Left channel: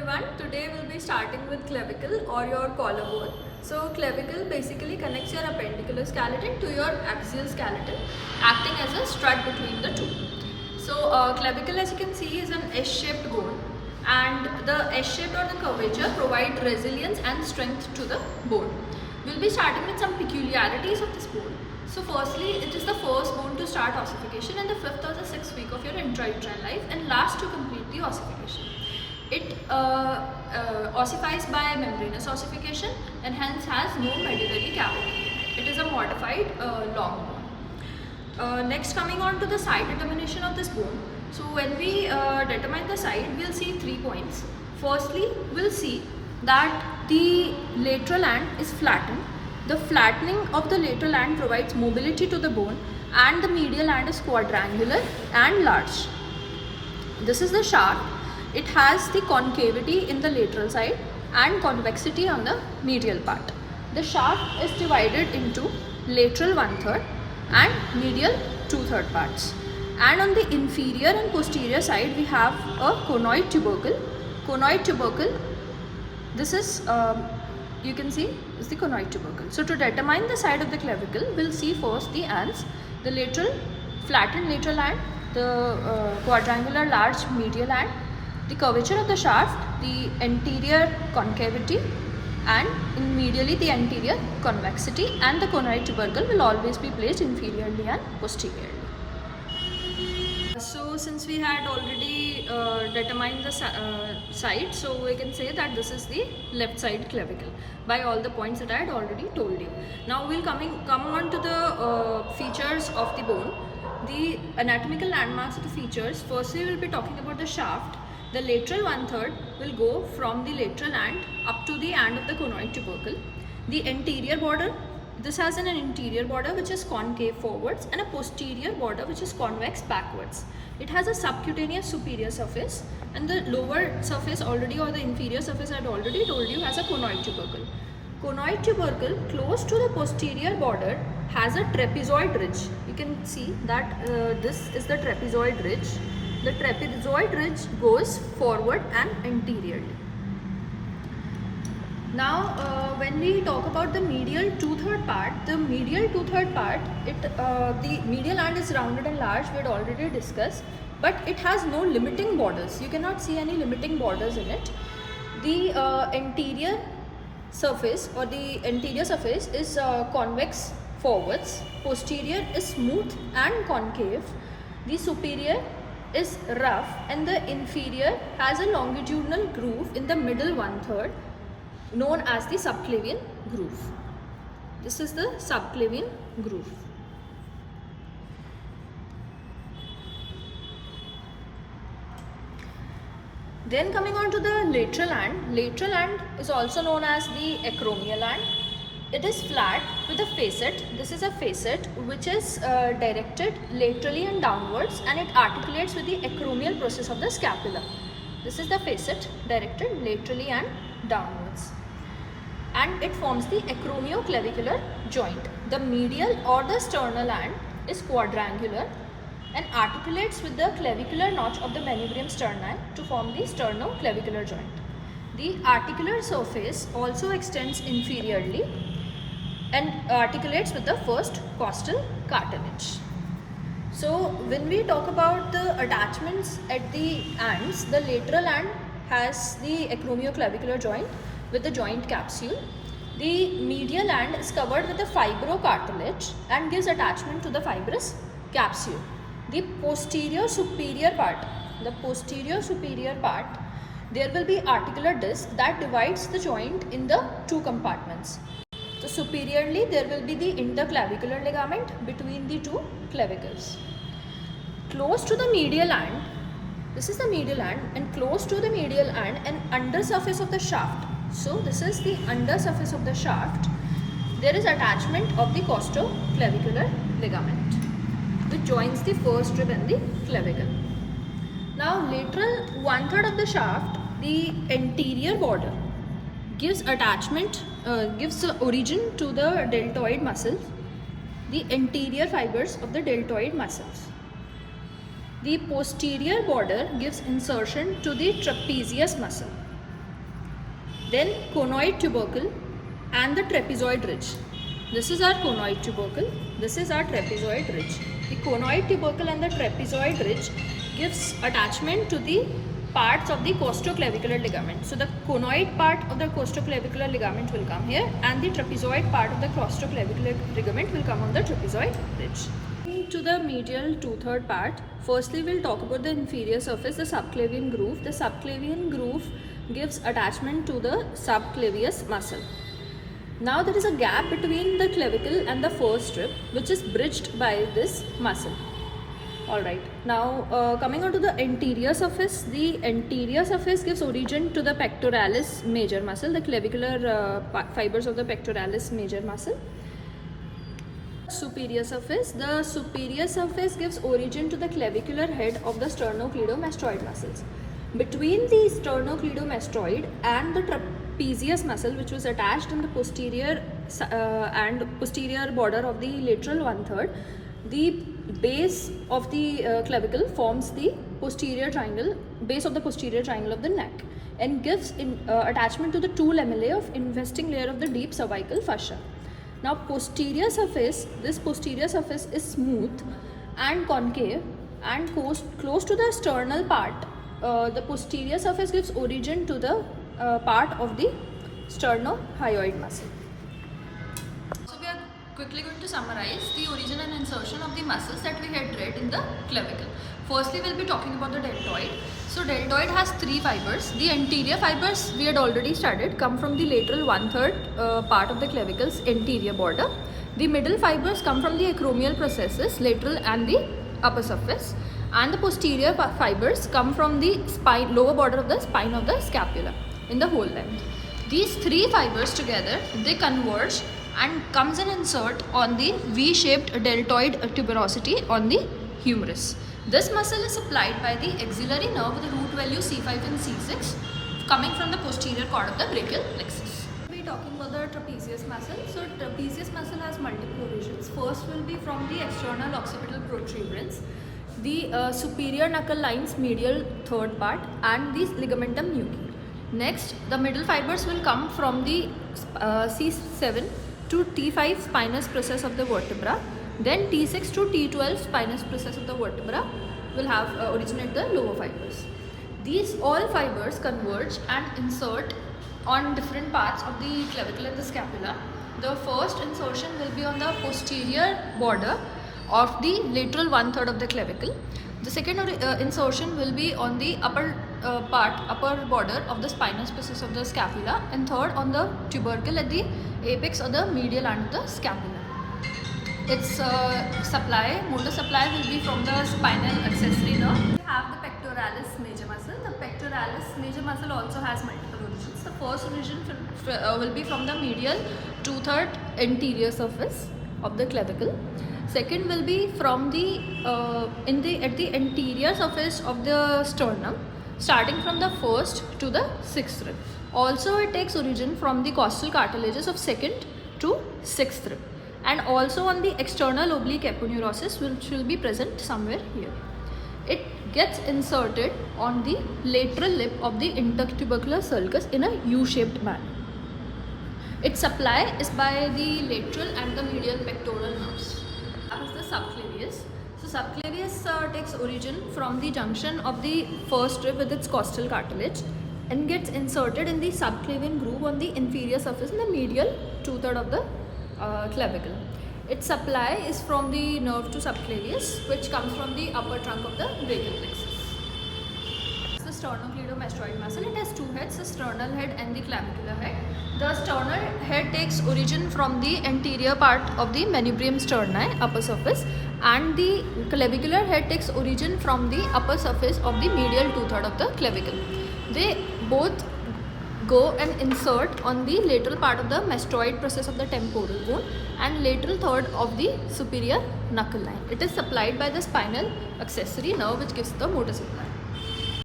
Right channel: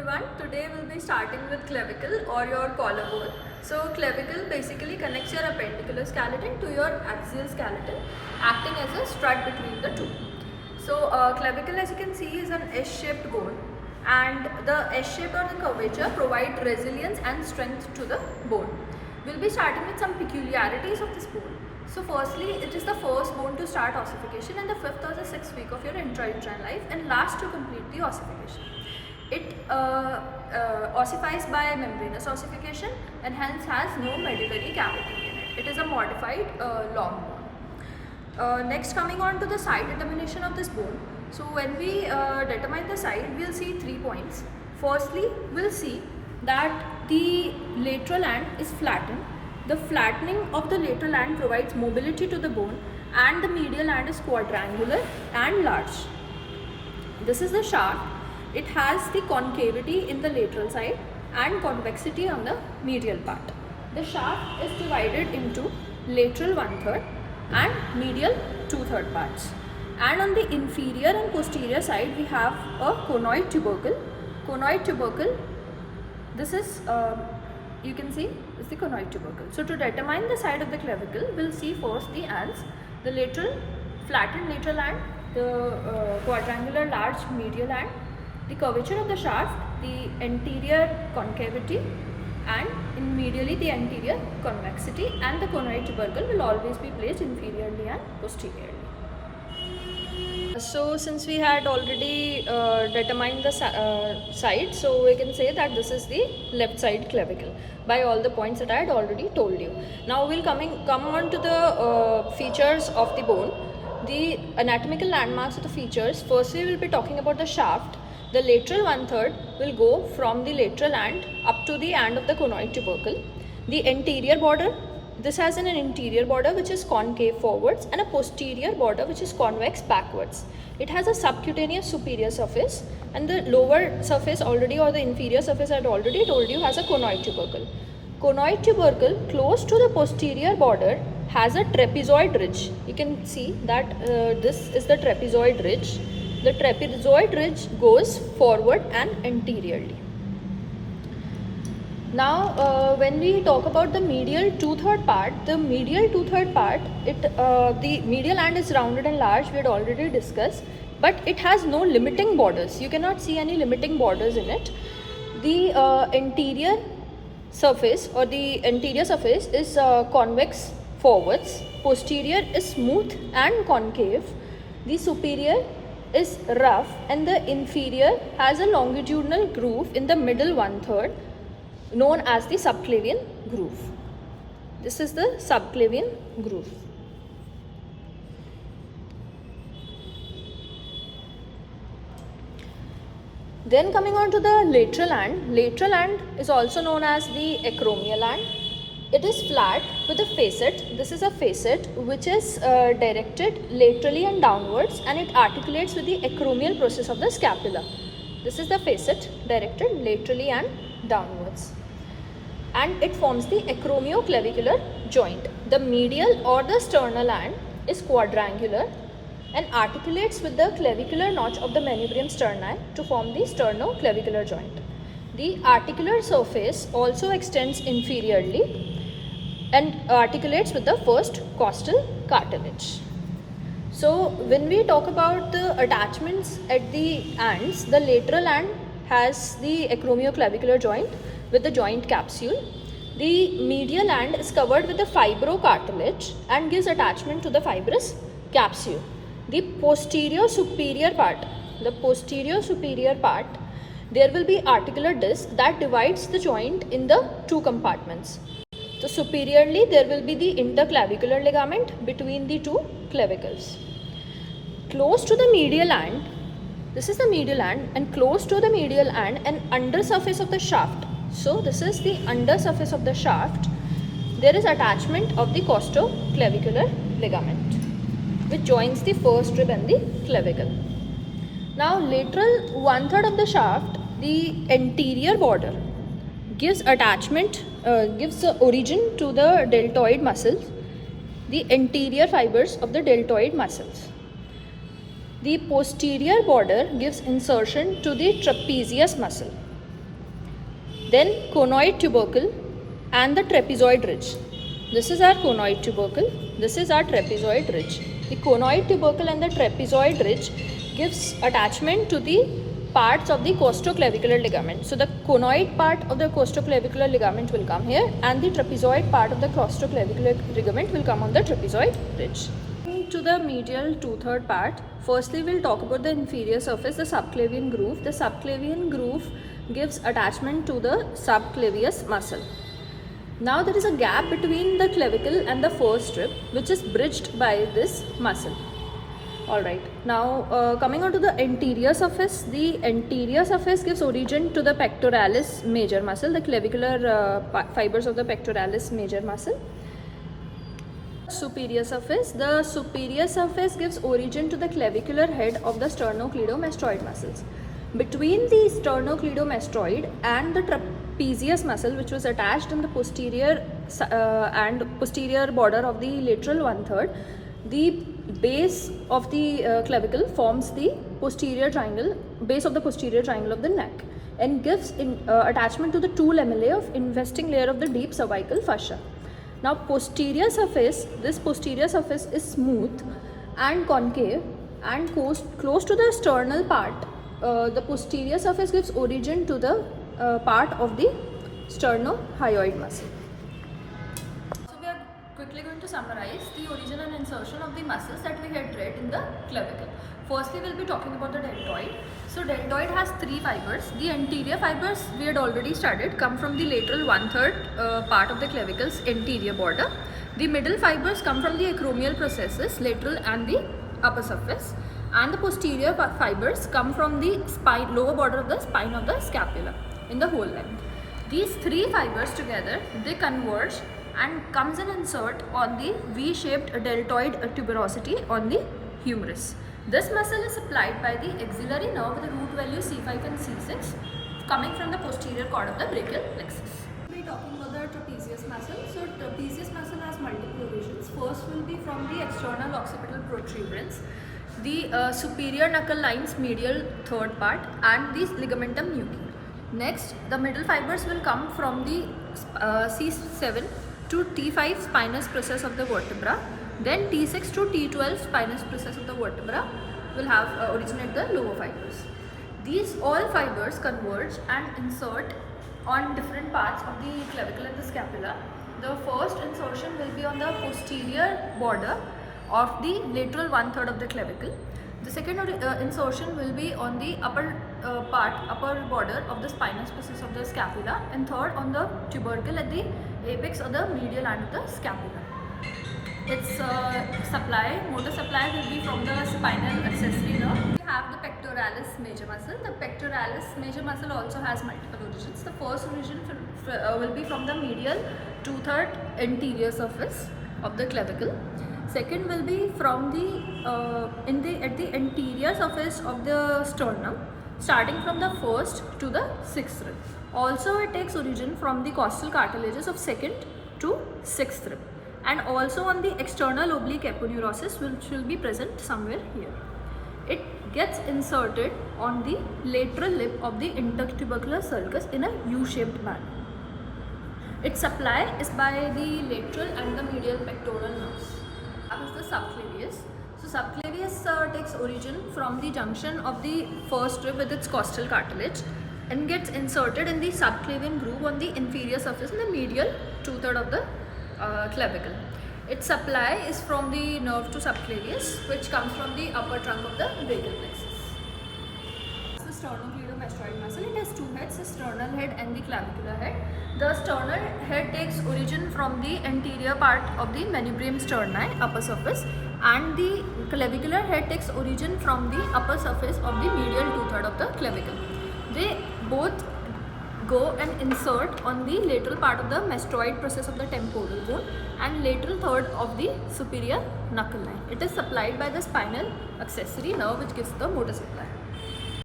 everyone, today we'll be starting with clavicle or your collarbone. So clavicle basically connects your appendicular skeleton to your axial skeleton, acting as a strut between the two. So clavicle, as you can see, is an S-shaped bone, and the S-shaped or the curvature provide resilience and strength to the bone. We'll be starting with some peculiarities of this bone. So firstly, it is the first bone to start ossification in the 5th or the 6th week of your intrauterine life and last to complete the ossification. It ossifies by membranous ossification and hence has no medullary cavity in it. It is a modified long bone. Next, coming on to the side determination of this bone. So when we determine the side, we'll see 3 points. Firstly, we'll see that the lateral end is flattened. The flattening of the lateral end provides mobility to the bone, and the medial end is quadrangular and large. This is the shaft. It has the concavity in the lateral side and convexity on the medial part. The shaft is divided into lateral 1/3 and medial 2/3 parts. And on the inferior and posterior side, we have a conoid tubercle. Conoid tubercle, this is, you can see, is the conoid tubercle. So to determine the side of the clavicle, we'll see first the ends, the lateral, flattened lateral end, the quadrangular large medial end, the curvature of the shaft, the anterior concavity, and in medially the anterior convexity, and the conoid tubercle will always be placed inferiorly and posteriorly. So since we had already determined the side, so we can say that this is the left side clavicle by all the points that I had already told you. Now we'll come on to the features of the bone. The anatomical landmarks of the features. Firstly, we'll be talking about the shaft. The lateral 1/3 will go from the lateral end up to the end of the conoid tubercle. The anterior border, this has an interior border which is concave forwards and a posterior border which is convex backwards. It has a subcutaneous superior surface, and the lower surface already, or the inferior surface I had already told you, has a conoid tubercle. Conoid tubercle close to the posterior border has a trapezoid ridge. You can see that this is the trapezoid ridge. The trapezoid ridge goes forward and anteriorly. Now when we talk about the medial 2/3 part, the medial 2/3 part, the medial end is rounded and large, we had already discussed, but it has no limiting borders. You cannot see any limiting borders in it. The anterior surface or the anterior surface is convex forwards, posterior is smooth and concave, the superior is rough, and the inferior has a longitudinal groove in the middle 1/3 known as the subclavian groove. This is the subclavian groove. Then coming on to the lateral end. Lateral end is also known as the acromial end. It is flat with a facet. This is a facet which is directed laterally and downwards, and it articulates with the acromial process of the scapula. This is the facet directed laterally and downwards, and it forms the acromioclavicular joint. The medial or the sternal end is quadrangular and articulates with the clavicular notch of the manubrium sterni to form the sternoclavicular joint. The articular surface also extends inferiorly and articulates with the first costal cartilage. So when we talk about the attachments at the ends, the lateral end has the acromioclavicular joint with the joint capsule. The medial end is covered with the fibrocartilage and gives attachment to the fibrous capsule. The posterior superior part, there will be articular disc that divides the joint in the two compartments. So superiorly, there will be the interclavicular ligament between the two clavicles. Close to the medial end, this is the medial end, and close to the medial end and under surface of the shaft. So this is the under surface of the shaft. There is attachment of the costoclavicular ligament, which joins the first rib and the clavicle. Now lateral 1/3 of the shaft, the anterior border gives origin to the deltoid muscles, the anterior fibers of the deltoid muscles. The posterior border gives insertion to the trapezius muscle. then conoid tubercle and the trapezoid ridge. This is our conoid tubercle, this is our trapezoid ridge. The conoid tubercle and the trapezoid ridge gives attachment to the parts of the costoclavicular ligament. So the conoid part of the costoclavicular ligament will come here, and the trapezoid part of the costoclavicular ligament will come on the trapezoid ridge. To the medial 2/3 part, firstly we'll talk about the inferior surface, the subclavian groove. The subclavian groove gives attachment to the subclavius muscle. Now there is a gap between the clavicle and the first rib, which is bridged by this muscle. Alright, now coming on to the anterior surface, the anterior surface gives origin to the pectoralis major muscle, the clavicular fibers of the pectoralis major muscle. Superior surface, the superior surface gives origin to the clavicular head of the sternocleidomastoid muscles. Between the sternocleidomastoid and the trapezius muscle, which was attached in the posterior and posterior border of the lateral 1/3, the base of the clavicle forms the posterior triangle, base of the posterior triangle of the neck, and gives attachment to the two lamellae of investing layer of the deep cervical fascia. Now posterior surface, this posterior surface is smooth and concave and close to the sternal part. The posterior surface gives origin to the part of the sternohyoid muscle. So we are quickly going to summarize the origin and insertion of the muscles that we had read in the clavicle. Firstly, we'll be talking about the deltoid. So deltoid has three fibers. The anterior fibers we had already studied come from the lateral 1/3 part of the clavicle's anterior border. The middle fibers come from the acromial processes, lateral and the upper surface. And the posterior fibers come from the spine, lower border of the spine of the scapula in the whole length. These three fibers together, they converge and comes and insert on the V-shaped deltoid tuberosity on the humerus. This muscle is supplied by the axillary nerve with the root value C5 and C6 coming from the posterior cord of the brachial plexus. We'll be talking about the trapezius muscle. So trapezius muscle has multiple origins. First will be from the external occipital protuberance, the superior knuckle line's medial third part, and the ligamentum nuchae. Next, the middle fibers will come from the C7 to T5 spinous process of the vertebra. Then T6 to T12 spinous process of the vertebra will have originate the lower fibers. These all fibers converge and insert on different parts of the clavicle and the scapula. The first insertion will be on the posterior border of the lateral 1/3 of the clavicle. The second insertion will be on the upper border of the spinous process of the scapula, and third on the tubercle at the apex or the medial end of the scapula. Its motor supply will be from the spinal accessory nerve. We have the pectoralis major muscle. The pectoralis major muscle also has multiple origins. The first origin will be from the medial 2/3 anterior surface of the clavicle. Second will be from the at the anterior surface of the sternum, starting from the first to the sixth rib. Also, it takes origin from the costal cartilages of second to sixth rib, and also on the external oblique aponeurosis, which will be present somewhere here. It gets inserted on the lateral lip of the intertubercular sulcus in a U-shaped manner. Its supply is by the lateral and the medial pectoral nerves. That is the subclavius. So subclavius takes origin from the junction of the first rib with its costal cartilage and gets inserted in the subclavian groove on the inferior surface in the medial 2/3 of the clavicle. Its supply is from the nerve to subclavius, which comes from the upper trunk of the brachial plexus. The sternocleidomastoid muscle, it has two heads, the sternal head and the clavicular head. The sternal head takes origin from the anterior part of the manubrium sterni, upper surface, and the clavicular head takes origin from the upper surface of the medial 2/3 of the clavicle. They both go and insert on the lateral part of the mastoid process of the temporal bone and lateral third of the superior knuckle line. It is supplied by the spinal accessory nerve, which gives the motor supply.